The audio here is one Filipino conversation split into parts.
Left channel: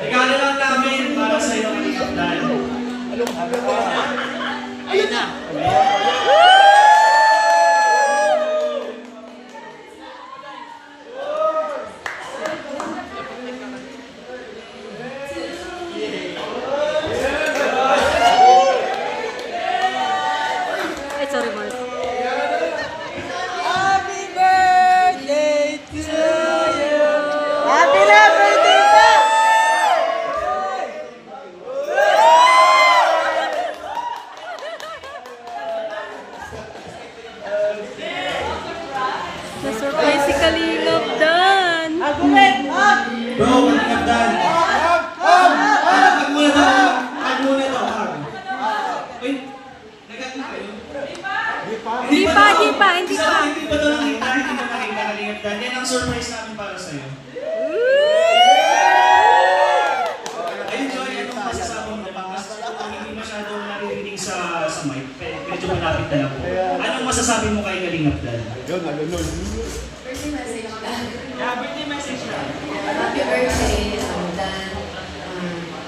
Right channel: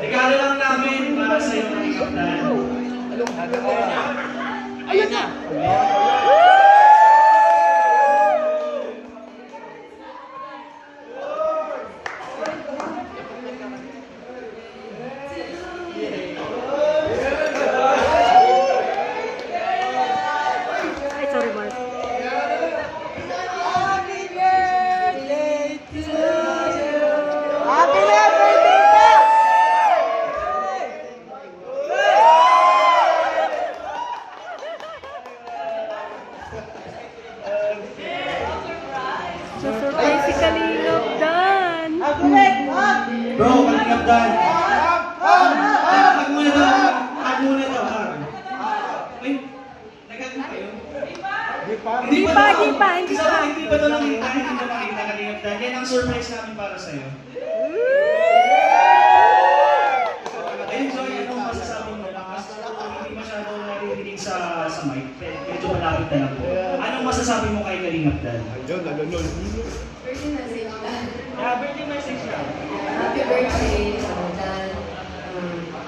Regalo lang namin para sa iyo ng kaptan. Ayun na! Ay, sorry, Mars. Happy birthday to you! Happy birthday ka! Na-surprise si Kalingap Dan. Bro, kalingap Dan. Hag muna daw. Hag muna daw. Hag. Uy, nagagin kayo? Hindi pa. Hindi pa daw nakita. Hindi pa makita kalingap Dan. Yan ang surprise namin para sa'yo. Ayun, Joy, anong masasabi mo na lang? Kasi hindi masyado naririnig sa mic. Medyo malapit na lang po. Anong masasabi mo kay Kalingap Dan? Birthday message lang. Birthday message lang. Happy birthday, Dan.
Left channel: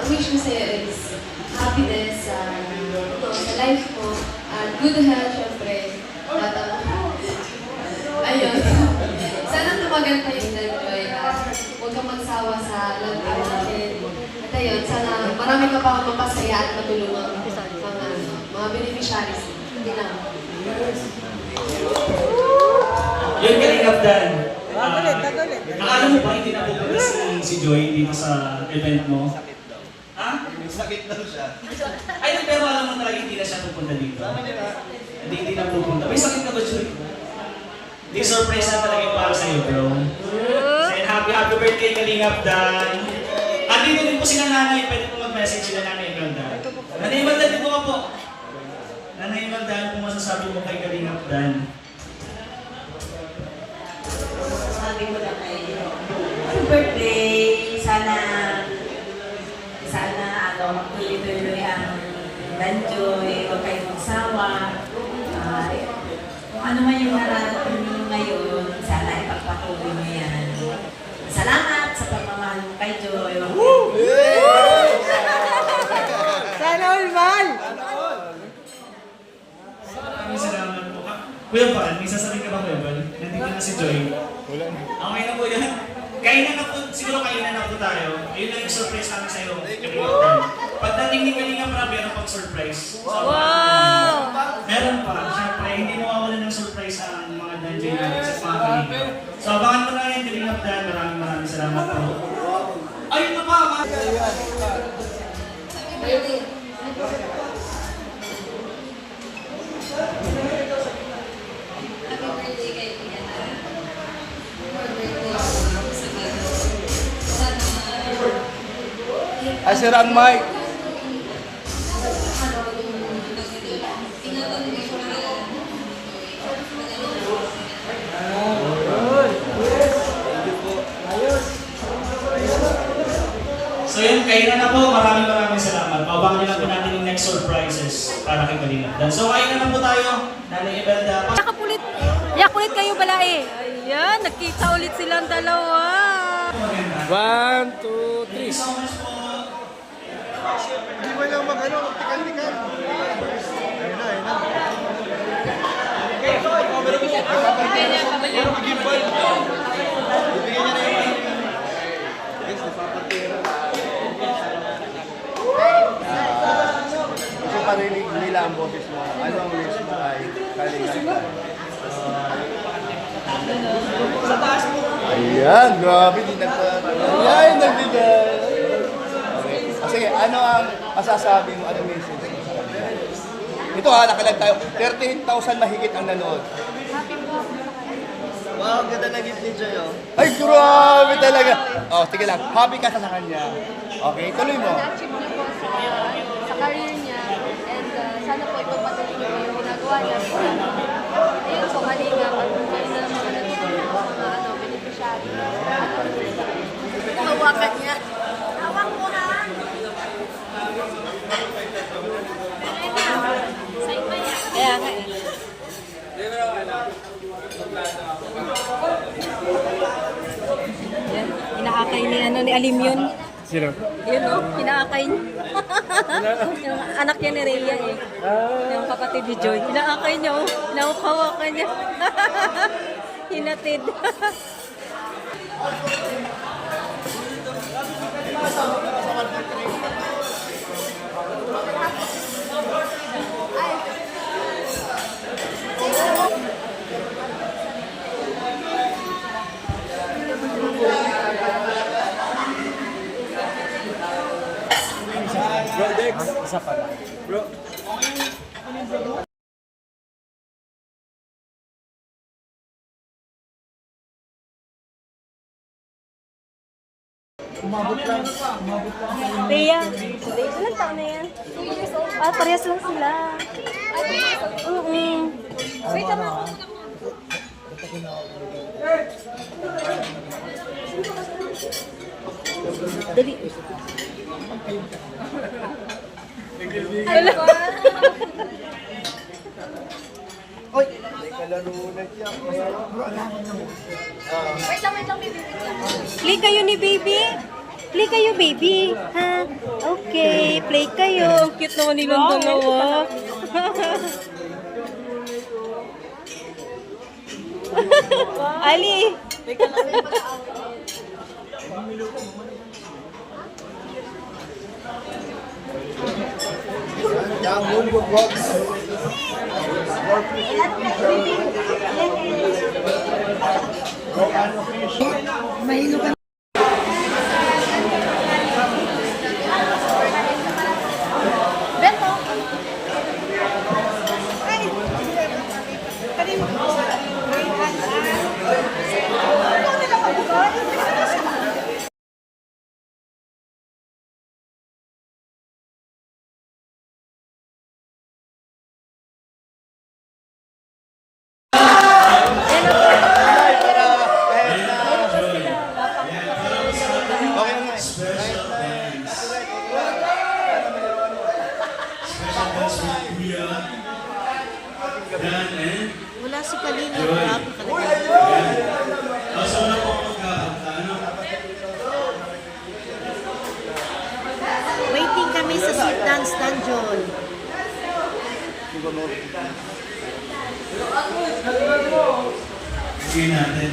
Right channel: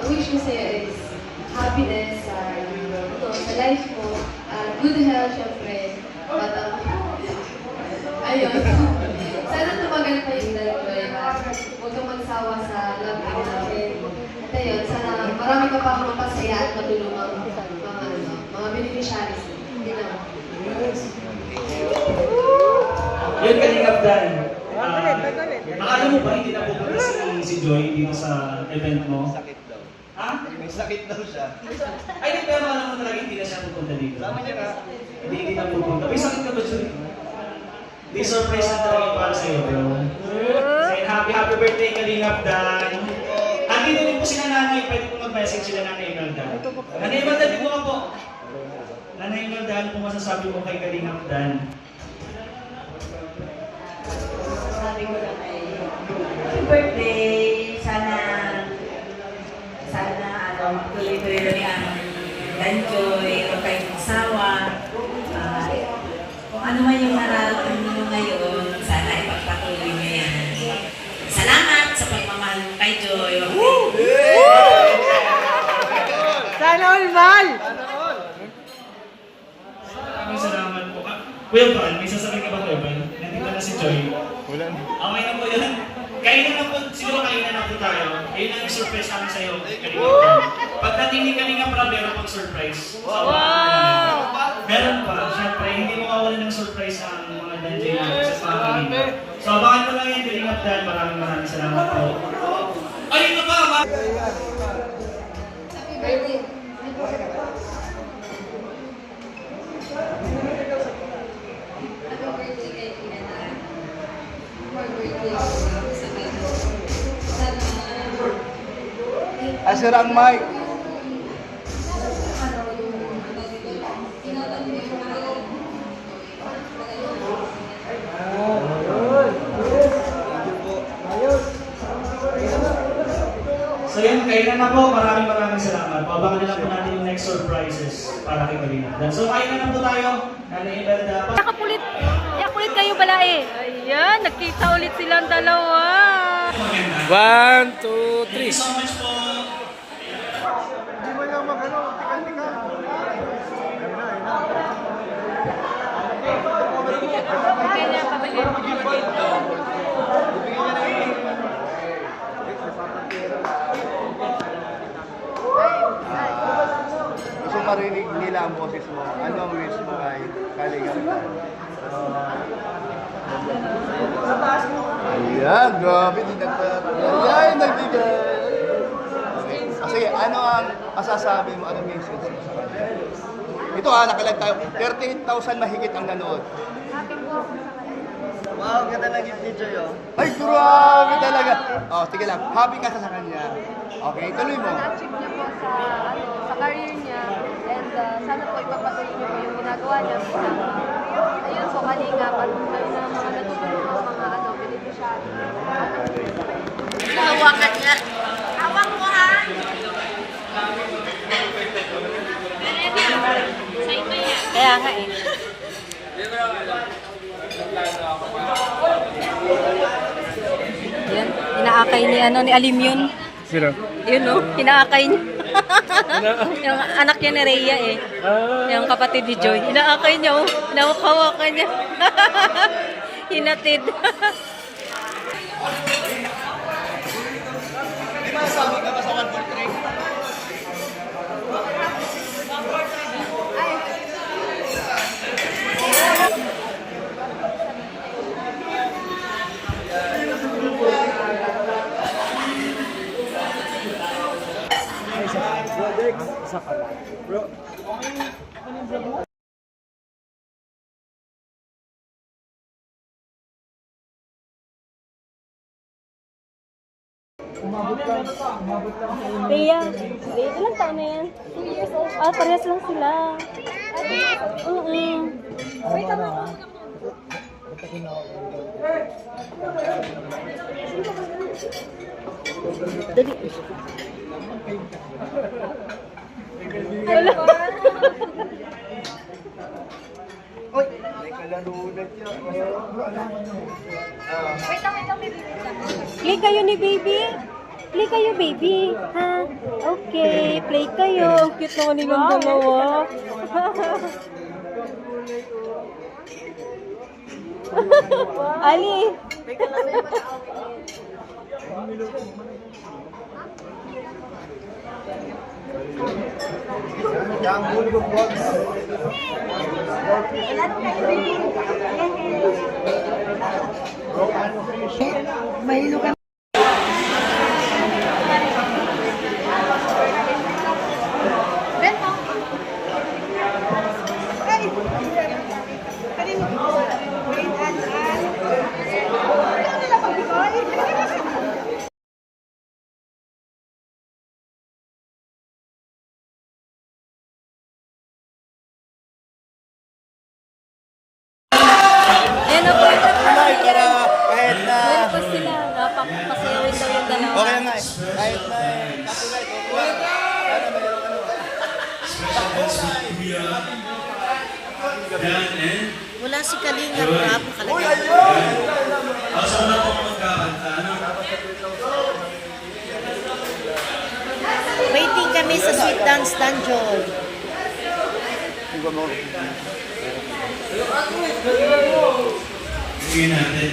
Ang wish ko sa'yo is happiness sa life mo, good health, syempre. At ayun. Sana tumagal pa yung Dan Joy. Huwag kang magsawa sa love team natin. At ayun, sana marami ka pa mapasaya at matulungan mga beneficiaries. Hindi lang. Yun, Kalingap Dan. Akala mo ba hindi na pupunta si Joy dito sa event mo? Ha? Sakit daw siya. Ay, pero alam mo talaga hindi na siya pupunta dito. Hindi na pupunta. May sakit ka ba, Joy? Hindi, surprise na talaga yung para sa'yo, bro. And happy birthday, Kalingap Dan. At dito din po sila nanay. Pwede po mag-message sila nanay Imelda. Nanay Imelda, dito ka po. Nanay Imelda, ano po masasabi mo kay Kalingap Dan? Sabi ko lang kay happy birthday. Sana tuloy-tuloy ang Danjoy. Huwag kayong magsawa. Kung ano man yung nararamdaman niyo ngayon, sana ipagpatuloy niyo yan. Salamat sa pagmamahal mo kay Joy. Sana all, Mal! Maraming salamat po. Kuya Val, may sasabihin ka ba, Kuya Val? Nandito na si Joy. Wala na. Okay na po yan. Kainan na po, siguro kainan na po tayo. Ayun lang yung surprise namin sa'yo. Pagdating ni Kalingap Rob, meron pang surprise. Wow! Meron pa. Siyempre, hindi mawawala ng surprise ang mga Danjay natin sa mga Kalingap. So, abangan mo lang yung Kalingap Dan. Maraming salamat po. Ayun na ba? Happy birthday. Happy birthday kay Iana. More birthday sa bago. Sana Asir ang mic. So yun, kainan na po. Maraming salamat. Pabangan lang po natin yung next surprises para kay Kalingap Dan. So kainan na po tayo. Nanay Imelda. Nakapulit. Yak ulit kayo bala eh. Ayan, nagkita ulit silang dalawa. 1, 2, Thank you so much po. Hindi mo lang mag-ano, tikal-tikal. Ayun na. Kaya niya, pabalik. Gusto parinig nila ang boses mo. Ano ang wish mo ay Kalingap? Sa taas mo. Ayan, grabe. Ayan, nagbigay. Okay. Sige, ano ang masasabi mo? Ano message mo sa kanya? Ito nakilag tayo. 13,000 mahigit ang nanood. Wow, ganda na gift ni Joy, oh. Ay, grabe talaga. Oh, sige lang. Happy ka sa kanya. Okay, tuloy mo. Na-achieve niya po sa career niya and sana po ipapatuloy niya yung ginagawa niya sa ayun po kanina at na mga natutulong po mga beneficiary. Hawakan niya. Hawak mo ha. Kaya nga eh. inaakay ni ano ni Alim yun. Sino? Yun oh, inaakay niya. Yung anak niya ni Rhea eh. Yung kapatid ni Joy. Inaakay niya oh. Nakukawakan niya. Hinatid. Rhea, ilang taon na yan? 2 years old. Ah, parehas lang sila. Wait, tama ako. Dali. Wala. Wait lang, baby. Play kayo ni baby. Play kayo, baby. Ha? Okay, play kayo. Ang cute naman nilang dalawa. Ali. Yang Hollywood Vlogs. Yan na po. Ay, para kahit na... Meron pa sila. Napakapasaya rin sa yung dalawa. Okay na eh. Kahit na... Wala si Kalinga Rap, nakalagay. Waiting kami sa Sweet Dance Dungeon. Sige natin.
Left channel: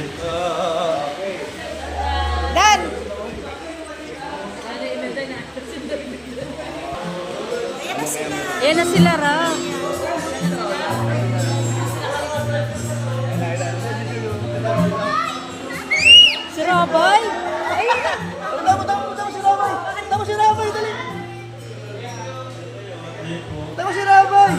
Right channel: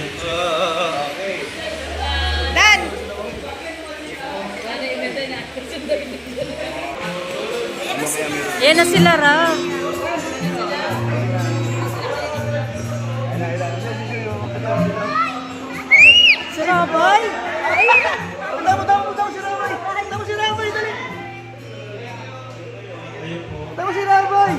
Yan na sila, Ra. Si Rabay. Ayun na. Tama si Rabay! Tama si Rabay, dali! Tama si Rabay!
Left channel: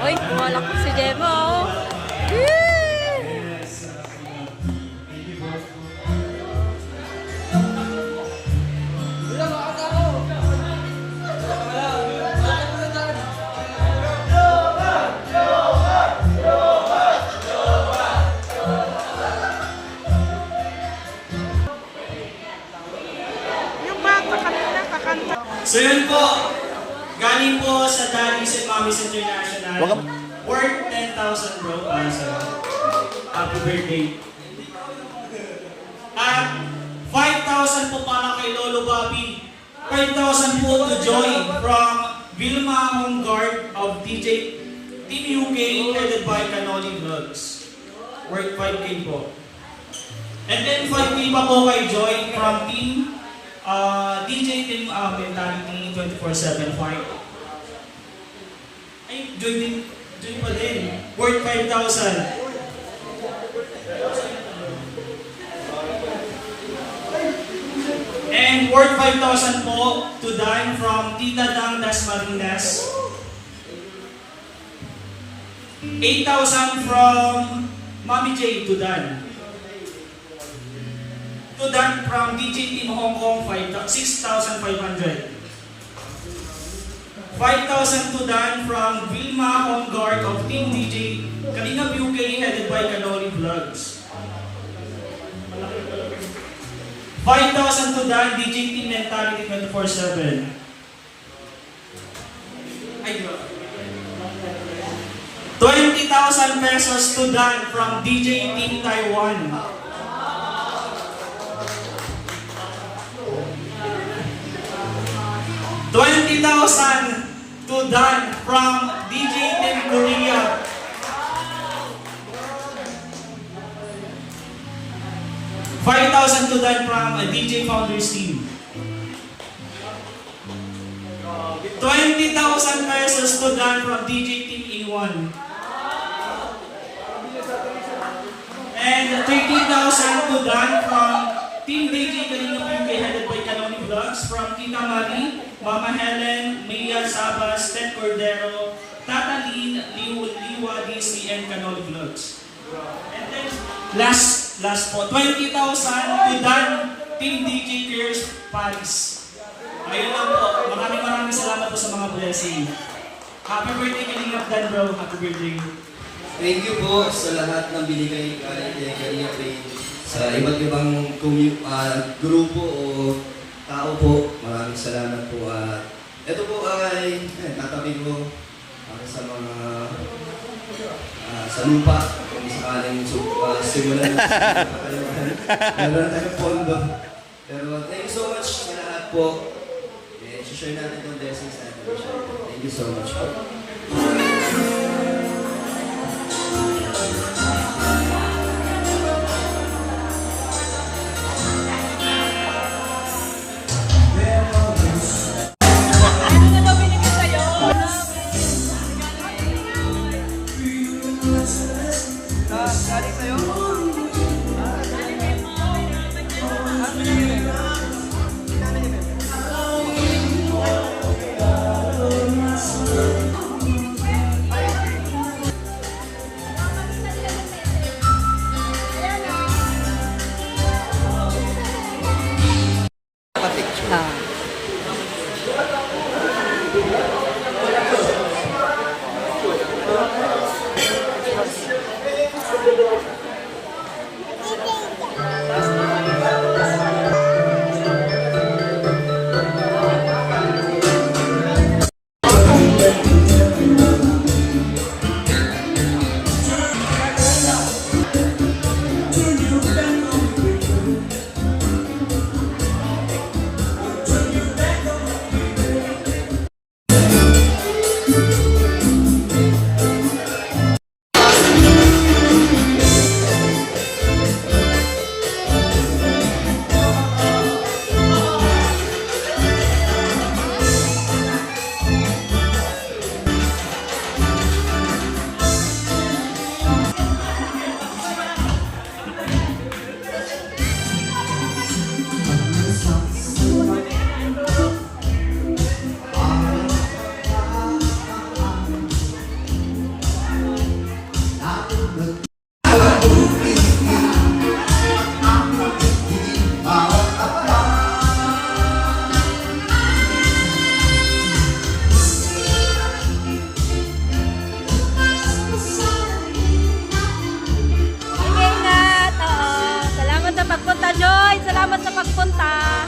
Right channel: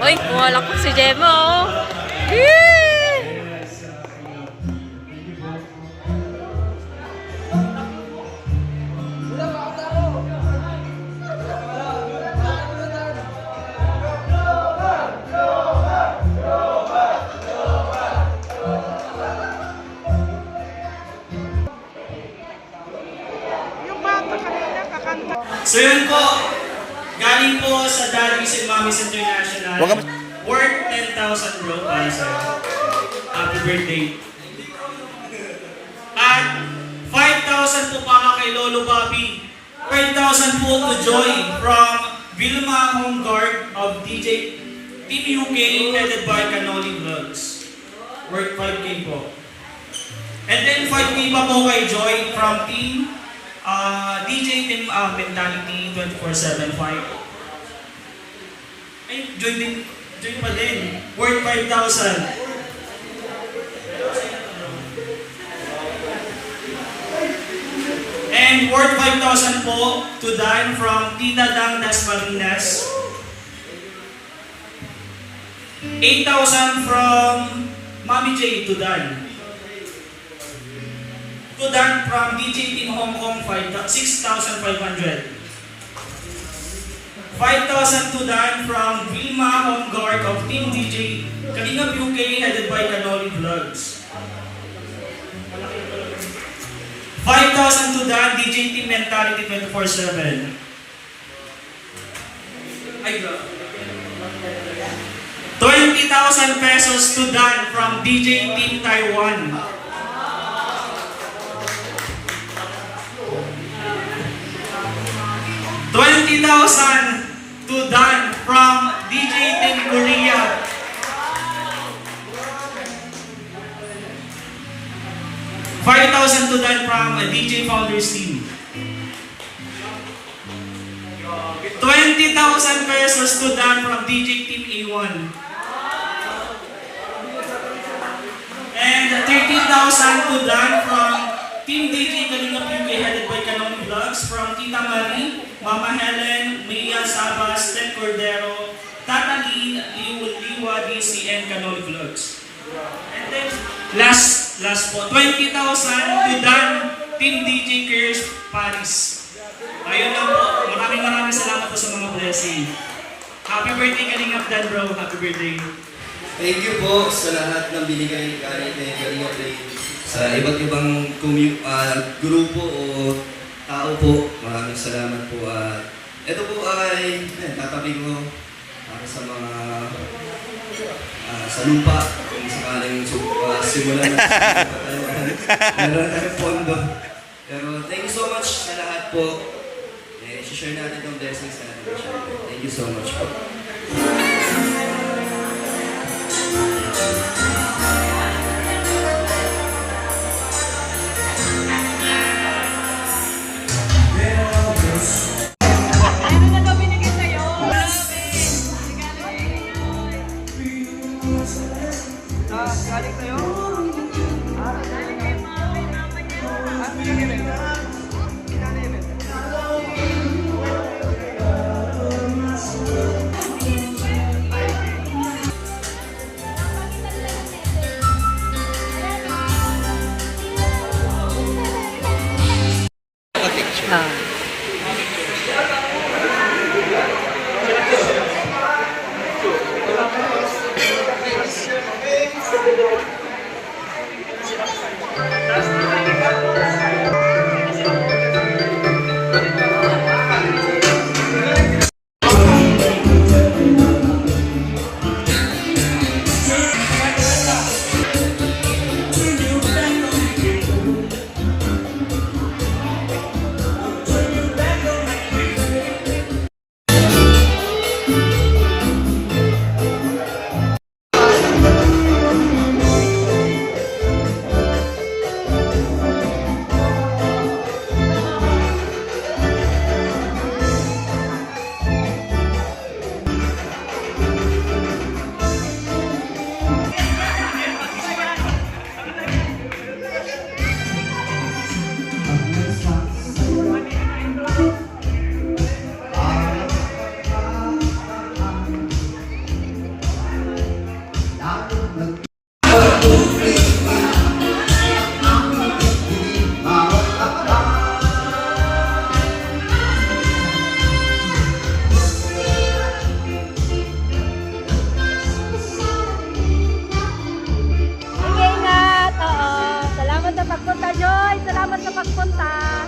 Uy, kumalak po si Gemma, oh. Yee! So yun po, galing po sa Daddies and Mommies International. Wag ka- Worth 10,000 bro para sa'yo. Happy birthday. At 5,000 po para kay Lolo Bobby. 5,000 po to Joy from Vilma Homeguard of DJ Team UK headed by Canoli Vlogs. Worth 5K po. And then 5K pa po kay Joy from Team DJ Team Mentality 24/7 Ay, Joy pa din. Worth 5,000. And worth 5,000 po to Dan from Tita Dang Dasmarinas. 8,000 from Mami J to Dan. To Dan from DJ Team Hong Kong 6,500. 5,000 to Dan from Vilma Homeguard of Team DJ Kalingap UK headed by Canoli Vlogs. 5,000 to Dan DJ Team Mentality 24/7. Ay, grabe. 20,000 pesos to Dan from DJ Team Taiwan. 20,000 to Dan from DJ Team Korea. 5,000 to Dan from DJ Founders Team. 20,000 pesos to Dan from DJ Team A1. And 30,000 to Dan from Team DJ Kalingap UK headed by Canoni Vlogs from Tita Marie, Mama Helen, Mia Sabas, Ted Cordero, Tata Lynn, Liwa DC, and Canoni Vlogs. And then, last po, 20,000 to Dan, Team DJ Kirsch Paris. Ayun lang po, maraming salamat po sa mga blessing. Happy birthday Kalingap Dan bro, happy birthday. Thank you po sa lahat ng binigay galing kay Kalingap Ray. Sa iba't ibang grupo o tao po, maraming salamat po. Ito po ay tatabi ko para sa mga sa lupa kung sakaling simulan na meron tayong pondo. Pero thank you so much sa lahat po. I-share natin yung blessings na natin. Thank you so much po. Galing sa'yo? Ah. Ingat, oo. Salamat sa pagpunta, Joy. Salamat sa pagpunta.